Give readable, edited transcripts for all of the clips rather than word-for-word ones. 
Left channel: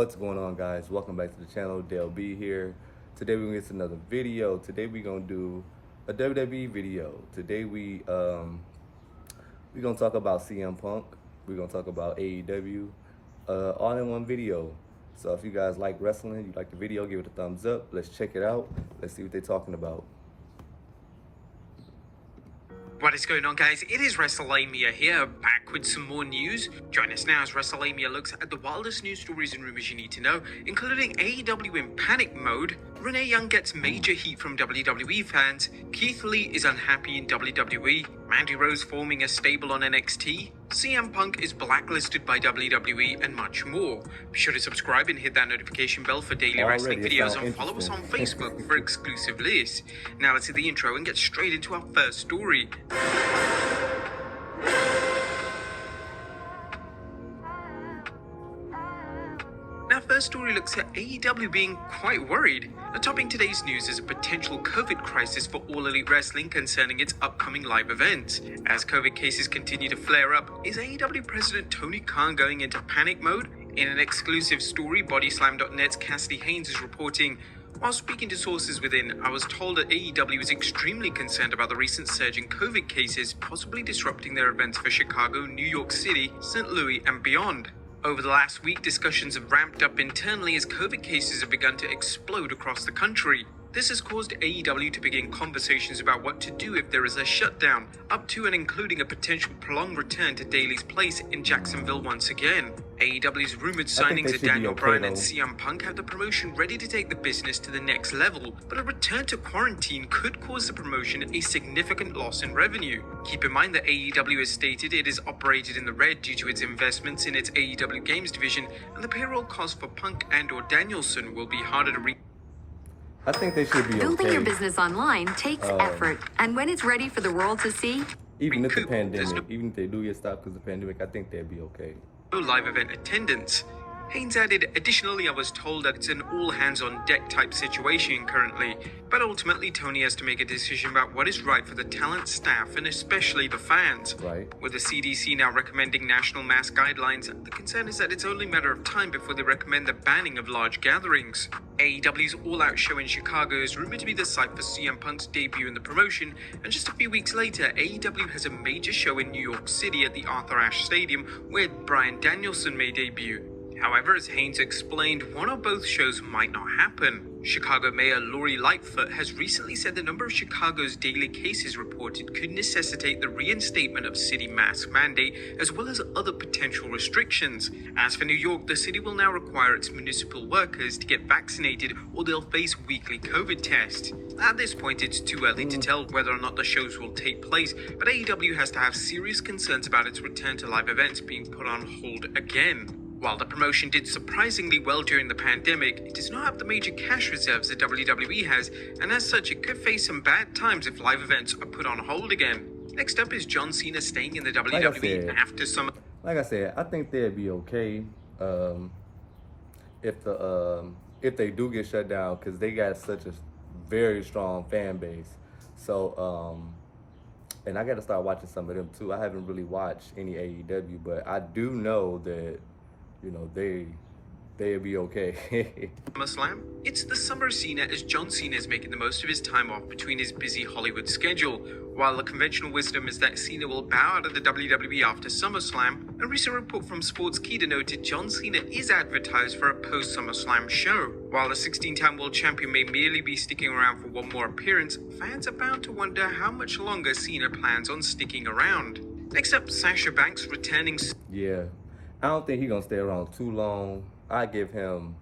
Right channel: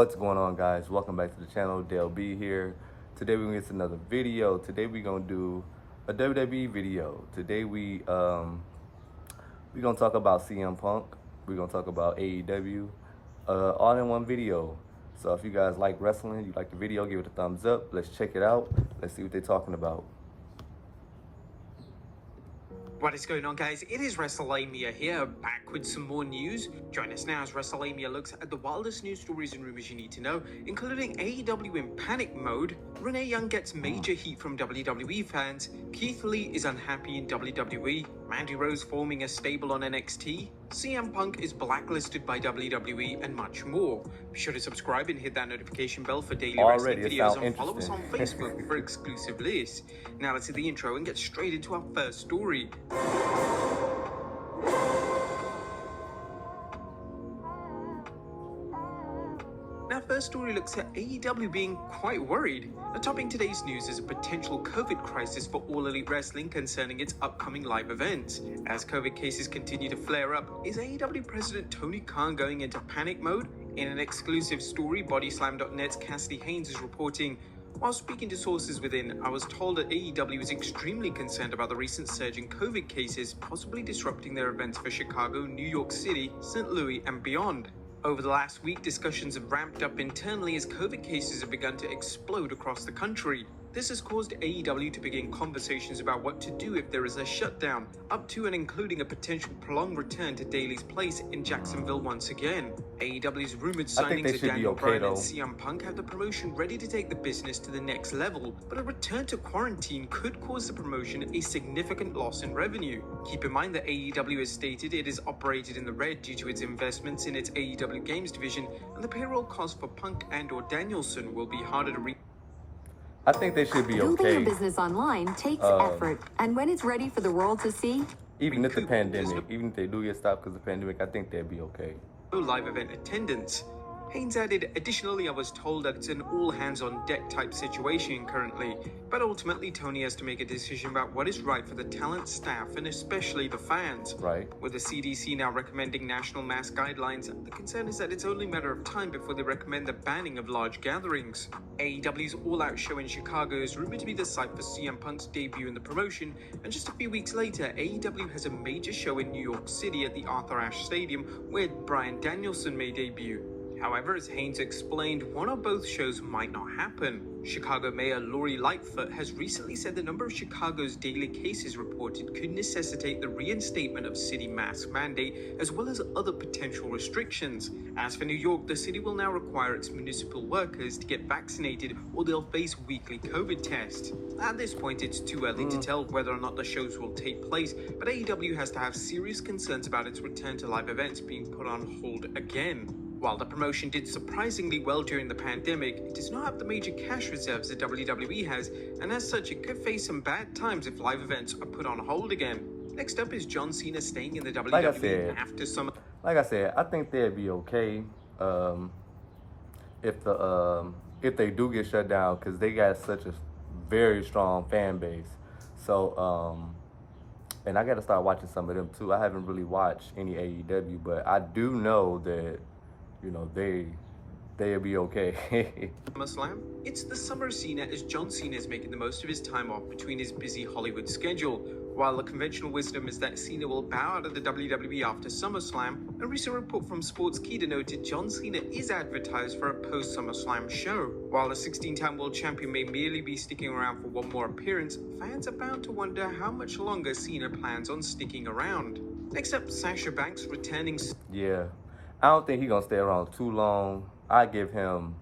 What's going on, guys? Welcome back to the channel. Dale B here. Today we're gonna get another video. Today we're gonna do a WWE video. Today we're gonna talk about CM Punk. We're gonna talk about AEW, all in one video. So if you guys like wrestling, you like the video, give it a thumbs up. Let's check it out. Let's see what they're talking about. What is going on, guys? It is WrestleMania here, back with some more news. Join us now as WrestleMania looks at the wildest news stories and rumors you need to know, including AEW in panic mode, Renee Young gets major heat from WWE fans, Keith Lee is unhappy in WWE, Mandy Rose forming a stable on NXT, CM Punk is blacklisted by WWE, and much more. Be sure to subscribe and hit that notification bell for daily wrestling videos, and follow us on Facebook for exclusive lists. Now let's hit the intro and get straight into our first story. Our first story looks at AEW being quite worried. Topping today's news is a potential COVID crisis for All Elite Wrestling concerning its upcoming live events. As COVID cases continue to flare up, is AEW President Tony Khan going into panic mode? In an exclusive story, Bodyslam.net's Cassidy Haynes is reporting, while speaking to sources within, I was told that AEW is extremely concerned about the recent surge in COVID cases, possibly disrupting their events for Chicago, New York City, St. Louis, and beyond. Over the last week, discussions have ramped up internally as COVID cases have begun to explode across the country. This has caused AEW to begin conversations about what to do if there is a shutdown, up to and including a potential prolonged return to Daly's place in Jacksonville once again. AEW's rumored signings of Daniel Bryan and CM Punk have the promotion ready to take the business to the next level, but a return to quarantine could cause the promotion a significant loss in revenue. Keep in mind that AEW has stated it is operated in the red due to its investments in its AEW Games division, and the payroll costs for Punk and/or Danielson will be harder to reach. I think they should be okay. Building your business online takes effort, and when it's ready for the world to see, even if the pandemic, even if they do get stopped because of the pandemic, I think they'd be okay. Live event attendance. Haynes added, additionally, I was told that it's an all-hands-on-deck type situation currently, but ultimately Tony has to make a decision about what is right for the talent, staff, and especially the fans. Right. With the CDC now recommending national mask guidelines, the concern is that it's only a matter of time before they recommend the banning of large gatherings. AEW's All-Out show in Chicago is rumored to be the site for CM Punk's debut in the promotion, and just a few weeks later, AEW has a major show in New York City at the Arthur Ashe Stadium, where Bryan Danielson may debut. However, as Haynes explained, one or both shows might not happen. Chicago Mayor Lori Lightfoot has recently said the number of Chicago's daily cases reported could necessitate the reinstatement of city mask mandate, as well as other potential restrictions. As for New York, the city will now require its municipal workers to get vaccinated or they'll face weekly COVID tests. At this point, it's too early to tell whether or not the shows will take place, but AEW has to have serious concerns about its return to live events being put on hold again. While the promotion did surprisingly well during the pandemic, it does not have the major cash reserves that WWE has, and as such, it could face some bad times if live events are put on hold again. Next up is John Cena staying in the WWE after some. Like I said, I think they'd be okay if they do get shut down, because they got such a very strong fan base. So and I got to start watching some of them too. I haven't really watched any AEW, but I do know that, you know, they'll be okay. SummerSlam. It's the summer of Cena as John Cena is making the most of his time off between his busy Hollywood schedule. While the conventional wisdom is that Cena will bow out of the WWE after SummerSlam, a recent report from Sportskeeda noted John Cena is advertised for a post-SummerSlam show. While the 16-time world champion may merely be sticking around for one more appearance, fans are bound to wonder how much longer Cena plans on sticking around. Next up, Sasha Banks returning. Yeah. I don't think he's going to stay around too long. I give him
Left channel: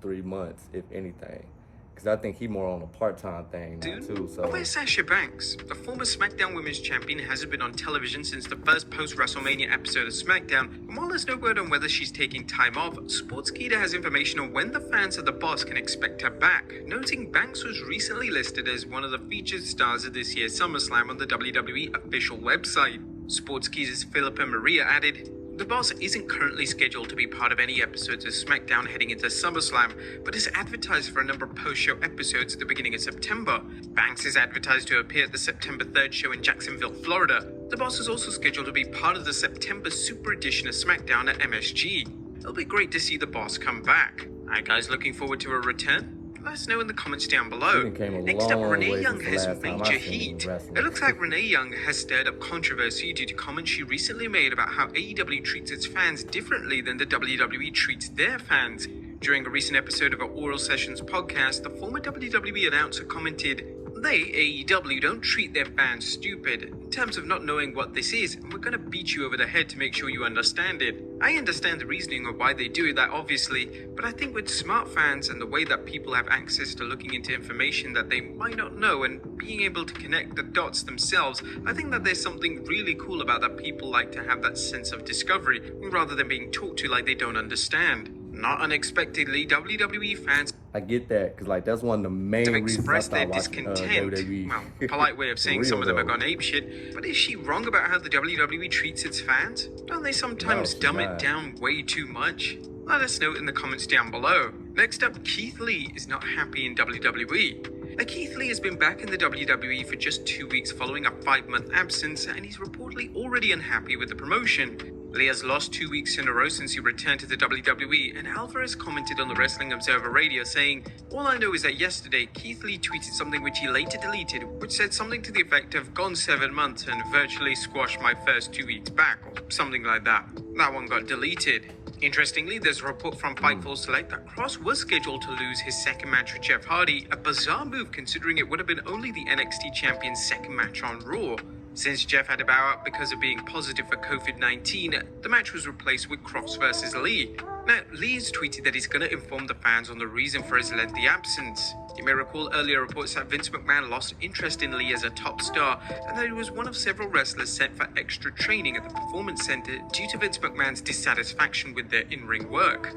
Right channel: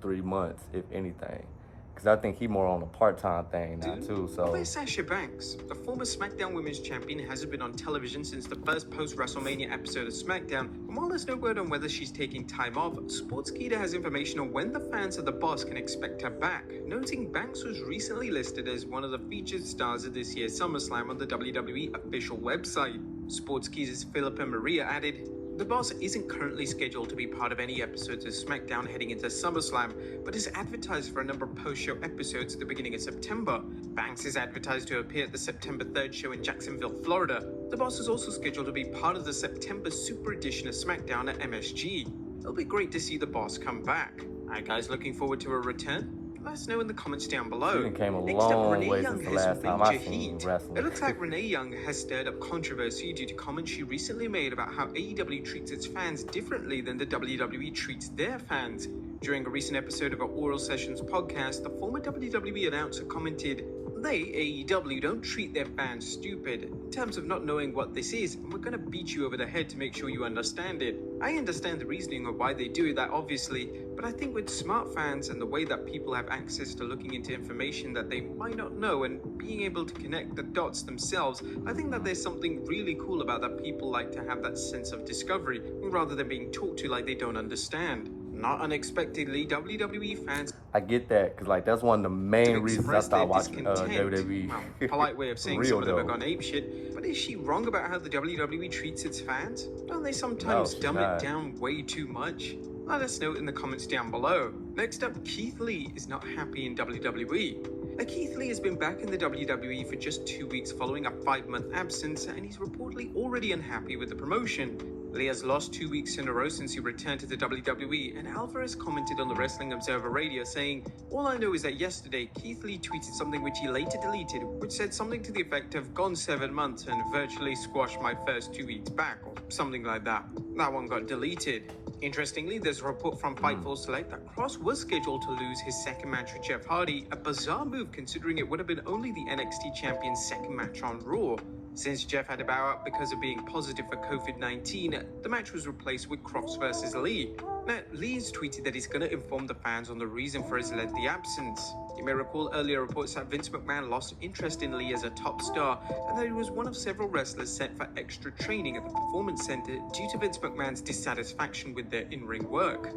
3 months, if anything. Because I think he's more on a part-time thing now, too. So. Where's Sasha Banks? The former SmackDown Women's Champion hasn't been on television since the first post-WrestleMania episode of SmackDown. And while there's no word on whether she's taking time off, Sportskeeda has information on when the fans of the boss can expect her back, noting Banks was recently listed as one of the featured stars of this year's SummerSlam on the WWE official website. Sportskeeda's Philippa Maria added, the boss isn't currently scheduled to be part of any episodes of SmackDown heading into SummerSlam, but is advertised for a number of post-show episodes at the beginning of September. Banks is advertised to appear at the September 3rd show in Jacksonville, Florida. The boss is also scheduled to be part of the September Super Edition of SmackDown at MSG. it'll be great to see the boss come back. Are you guys looking forward to a return? Let us know in the comments down below. She came a Next up, long Renee way Young since the has last time major I seen heat. wrestling. It looks like Renee Young has stirred up controversy due to comments she recently made about how AEW treats its fans differently than the WWE treats their fans. During a recent episode of our Oral Sessions podcast, the former WWE announcer commented, "They, AEW, don't treat their fans stupid in terms of not knowing what this is, and we're gonna beat you over the head to make sure you understand it." I understand the reasoning of why they do that, obviously, but I think with smart fans and the way that people have access to looking into information that they might not know and being able to connect the dots themselves, I think that there's something really cool about that. People like to have that sense of discovery rather than being talked to like they don't understand. Not unexpectedly, WWE fans I get that, because like that's one of the main reasons I express their started watching discontent. WWE. Well, polite way of saying For some real, of them have though. gone apeshit, but is she wrong about how the WWE treats its fans? Don't they sometimes No, dumb she's it not. down way too much? Let us know in the comments down below. Next up, Keith Lee is not happy in WWE. Now, Keith Lee has been back in the WWE for just 2 weeks following a 5-month absence, and he's reportedly already unhappy with the promotion. Lee has lost 2 weeks in a row since he returned to the WWE, and Alvarez commented on the Wrestling Observer Radio saying, "All I know is that yesterday, Keith Lee tweeted something which he later deleted, which said something to the effect of, 'Gone 7 months and virtually squashed my first 2 weeks back,' or something like that. That one got deleted." Interestingly, there's a report from Fightful Select that Cross was scheduled to lose his second match with Jeff Hardy, a bizarre move considering it would have been only the NXT champion's second match on Raw. Since Jeff had to bow out because of being positive for COVID-19, the match was replaced with Cross versus Lee. Now, Lee has tweeted that he's going to inform the fans on the reason for his lengthy absence. You may recall earlier reports that Vince McMahon lost interest in Lee as a top star, and that he was one of several wrestlers sent for extra training at the Performance Center due to Vince McMahon's dissatisfaction with their in-ring work.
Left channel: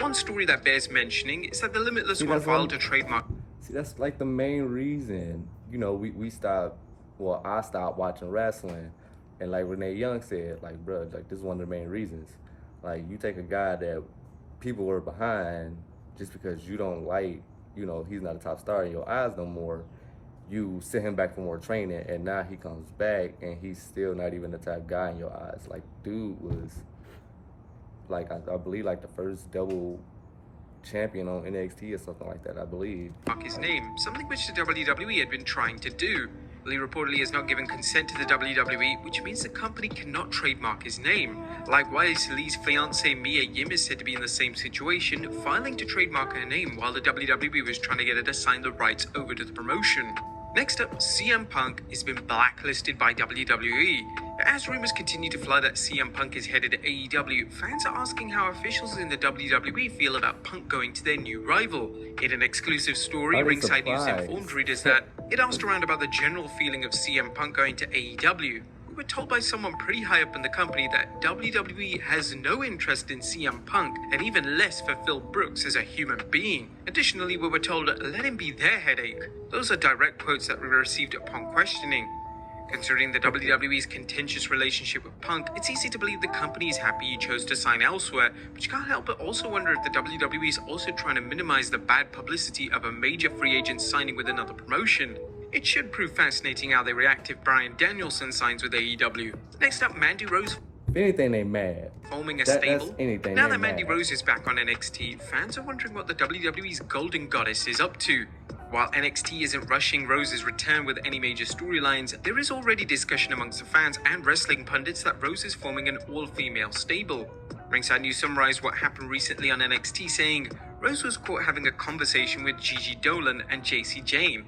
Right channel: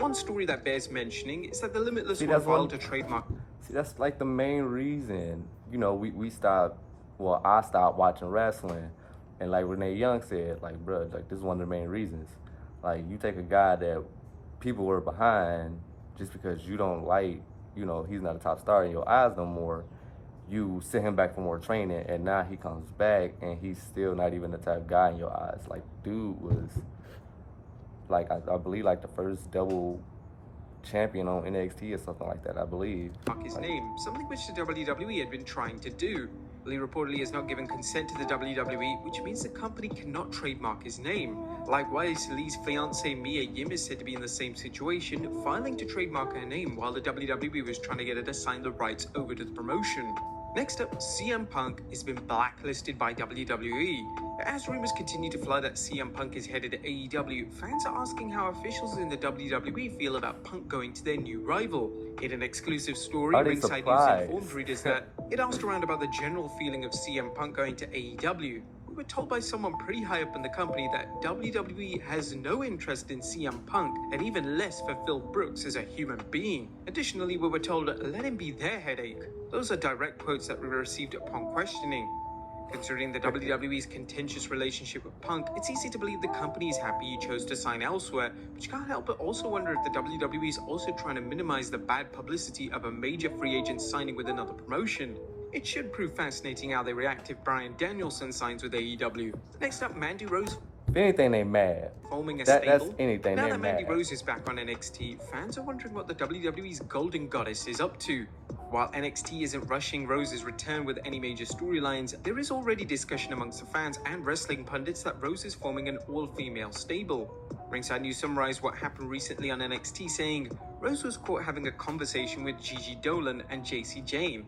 One story that bears mentioning is that the Limitless See, One that's one- filed a trademark. See, that's like the main reason, you know, we stopped, well, I stopped watching wrestling. And like Renee Young said, like, bruh, like, this is one of the main reasons. Like, you take a guy that people were behind just because you don't like, you know, he's not a top star in your eyes no more. You send him back for more training, and now he comes back, and he's still not even the type guy in your eyes. Like, dude was, like, I believe, like, the first double champion on NXT or something like that, I believe. His name, something which the WWE had been trying to do. Lee reportedly has not given consent to the WWE, which means the company cannot trademark his name. Likewise, Lee's fiancée Mia Yim is said to be in the same situation, filing to trademark her name while the WWE was trying to get her to sign the rights over to the promotion. Next up, CM Punk has been blacklisted by WWE. As rumors continue to fly that CM Punk is headed to AEW, fans are asking how officials in the WWE feel about Punk going to their new rival. In an exclusive story, Are they Ringside News surprised? informed readers that it asked around about the general feeling of CM Punk going to AEW. We were told by someone pretty high up in the company that WWE has no interest in CM Punk and even less for Phil Brooks as a human being. Additionally, we were told, let him be their headache. Those are direct quotes that we received upon questioning. Considering the WWE's contentious relationship with Punk, it's easy to believe the company is happy he chose to sign elsewhere, but you can't help but also wonder if the WWE is also trying to minimize the bad publicity of a major free agent signing with another promotion. It should prove fascinating how they react if Bryan Danielson signs with AEW. Next up, Mandy Rose If anything, they mad. forming a That's stable. anything, Now they that Mandy mad. Rose is back on NXT, fans are wondering what the WWE's Golden Goddess is up to. While NXT isn't rushing Rose's return with any major storylines, there is already discussion amongst the fans and wrestling pundits that Rose is forming an all-female stable. Ringside News summarized what happened recently on NXT, saying Rose was caught having a conversation with Gigi Dolan and JC Jane.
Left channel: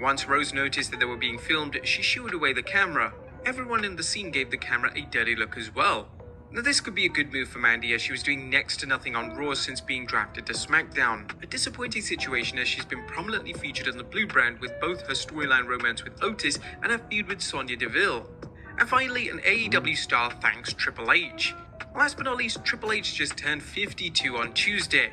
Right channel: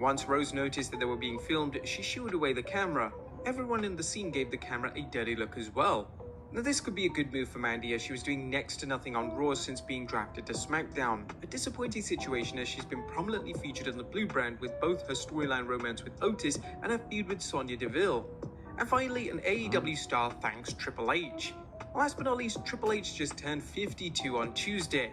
Once Rose noticed that they were being filmed, she shooed away the camera. Everyone in the scene gave the camera a dirty look as well. Now, this could be a good move for Mandy as she was doing next to nothing on Raw since being drafted to SmackDown. A disappointing situation as she's been prominently featured on the Blue brand with both her storyline romance with Otis and her feud with Sonya Deville. And finally, an AEW star thanks Triple H. Last but not least, Triple H just turned 52 on Tuesday.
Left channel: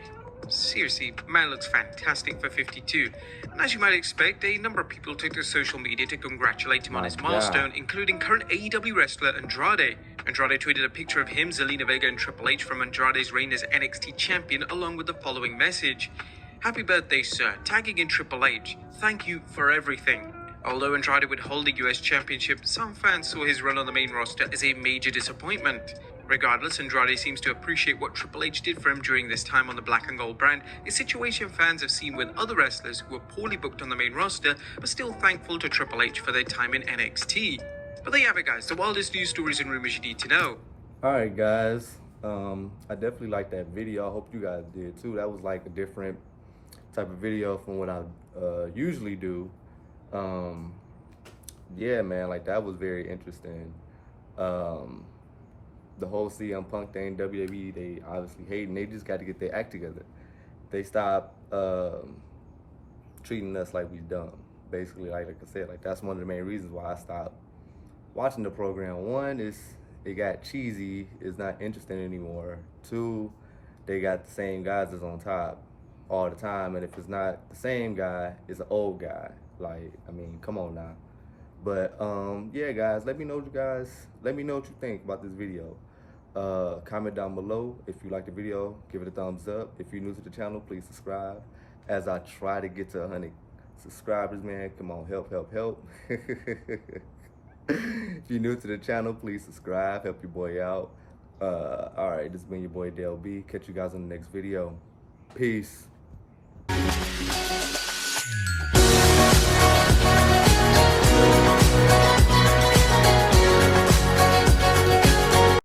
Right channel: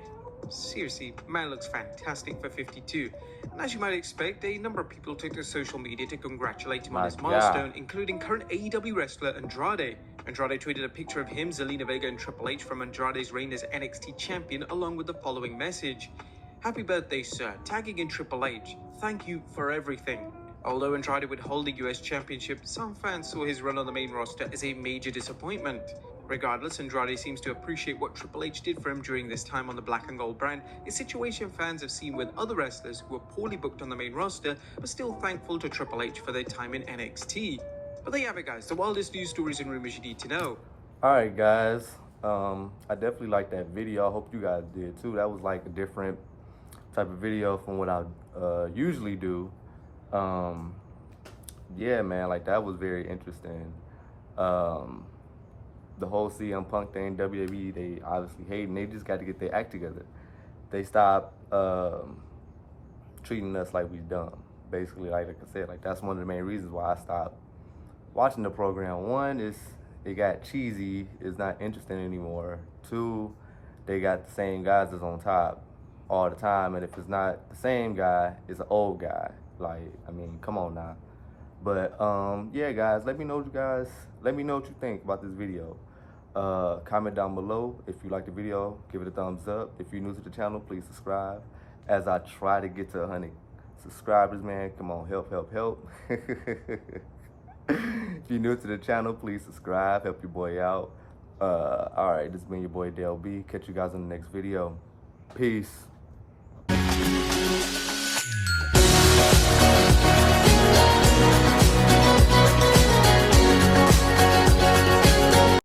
Seriously, man looks fantastic for 52. And as you might expect, a number of people took to social media to congratulate him on My his God. milestone, including current AEW wrestler Andrade. Andrade tweeted a picture of him, Zelina Vega, and Triple H from Andrade's reign as NXT champion, along with the following message: "Happy birthday, sir. Tagging in Triple H. Thank you for everything." Although Andrade would hold the US Championship, some fans saw his run on the main roster as a major disappointment. Regardless, Andrade seems to appreciate what Triple H did for him during this time on the Black and Gold brand, a situation fans have seen with other wrestlers who were poorly booked on the main roster, but still thankful to Triple H for their time in NXT. But there you have it, guys, the wildest news stories and rumors you need to know. Alright guys, I definitely liked that video. I hope you guys did too. That was like a different type of video from what I usually do. Yeah, man, like that was very interesting. The whole CM Punk thing, WWE, they obviously hating. They just got to get their act together. They stop treating us like we dumb. Basically, like I said, like that's one of the main reasons why I stopped watching the program. One is it got cheesy, it's not interesting anymore. Two, they got the same guys that's on top all the time, and if it's not the same guy, it's an old guy. Like, I mean, come on now. But yeah, guys, let me know what you think about this video. Comment down below if you like the video, give it a thumbs up. If you're new to the channel, please subscribe as I try to get to 100 subscribers, man. Come on, help. If you're new to the channel, please subscribe, help your boy out. All right, this has been your boy Dale B. Catch you guys in the next video. Peace.